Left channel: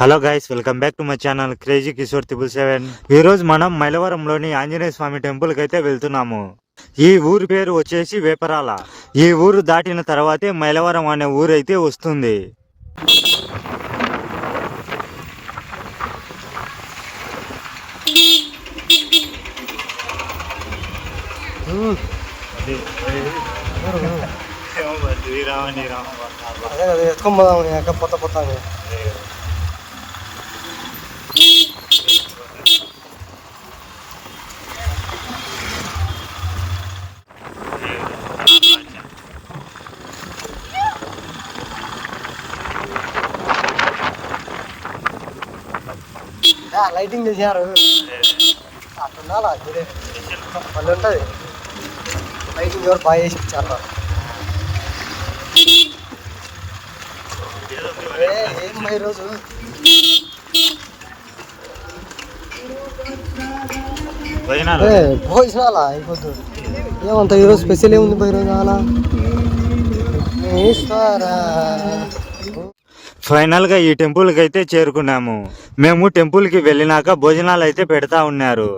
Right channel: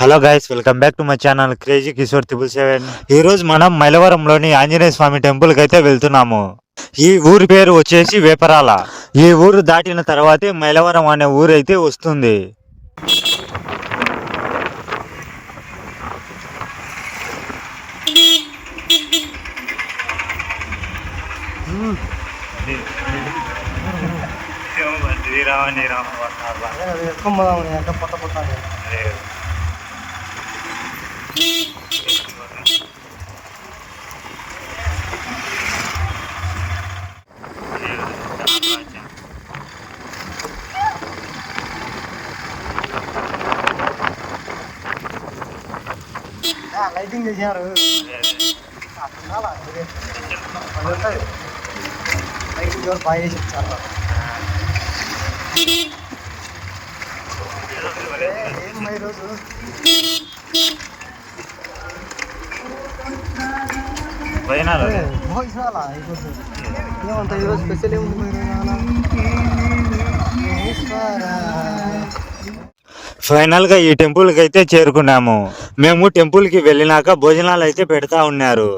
Hello guys, welcome back to my channel crazy Kishore 777. ఈ రోజు మనం మైలవరంలోని ఆంజనేయ స్వామి టెంపుల్ కి అయితే వెళ్తున్నాము. ఈ ఊరి పేరు వచ్చేసి వేపరాల. ఈ ఊరు దాటిన తర్వాతే మైలవరం అనే ఊరు అయితే వస్తుంది. లైటింగ్ చేశారు లైటింగ్ కూడా బాగా చేసి ఇచ్చారు. ఏం ఈరోజు భోజనాలా అయిపోతుంది. ఏమంత ఈరోజు స్పెషల్ ఏముంది భోజనాల? ఫైనల్ గా ఈ టెంపుల్ కి అయితే చేరుకున్నాము. మేము టెంపుల్ కి వెళ్ళినాక భోజనాలు అయితే పెడతా ఉన్నారు.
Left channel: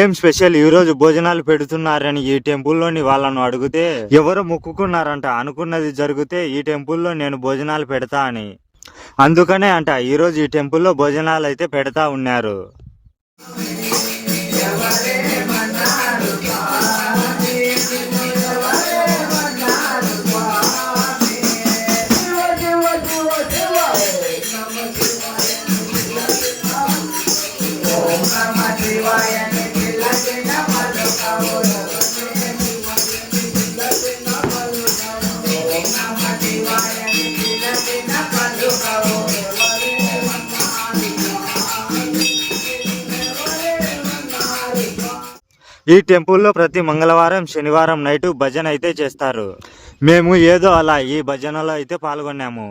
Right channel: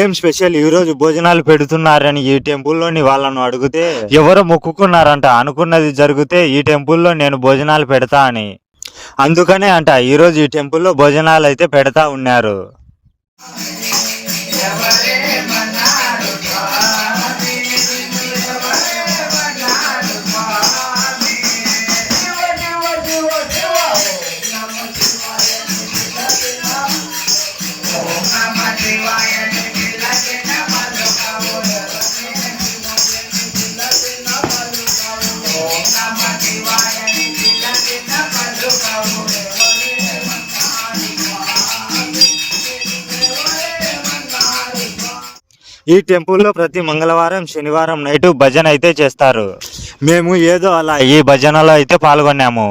ఏం స్పెషల్ ఈ రోజు భోజనాలు పెడుతున్నారని ఈ టెంపుల్లోని వాళ్ళను అడిగితే ఎవరో మొక్కుకున్నారంట, అనుకున్నది జరిగితే ఈ టెంపుల్లో నేను భోజనాలు పెడతా అని. అందుకనే అంట ఈరోజు ఈ టెంపుల్లో భోజనాలు అయితే పెడతా ఉన్నారు. ఈ టెంపుల్లో ప్రతి మంగళవారం శనివారం నైట్ భజన అయితే చేస్తారు. మేము ఏదో అలా ఈ భజనలో అయితే పాల్గొన్నాము.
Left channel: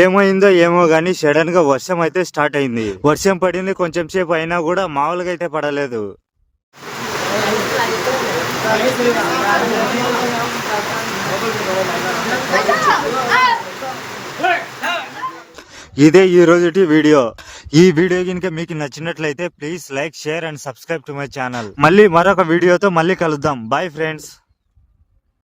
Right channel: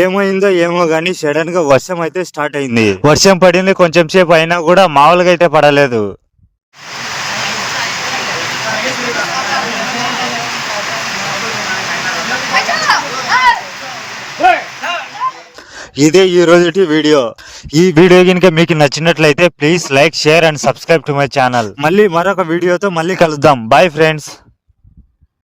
ఏమైందో ఏమో గానీ సడన్ గా వర్షం అయితే స్టార్ట్ అయింది. వర్షం పడింది, కొంచెం సేపు అయినా కూడా మామూలుగా అయితే పడలేదు. ఇదే ఈ రోజుటి వీడియో. ఈ వీడియో కనుక మీకు నచ్చినట్లయితే please like, share and subscribe to my channel. మళ్ళీ మరొక వీడియోతో మళ్ళీ కలుద్దాం. Bye friends.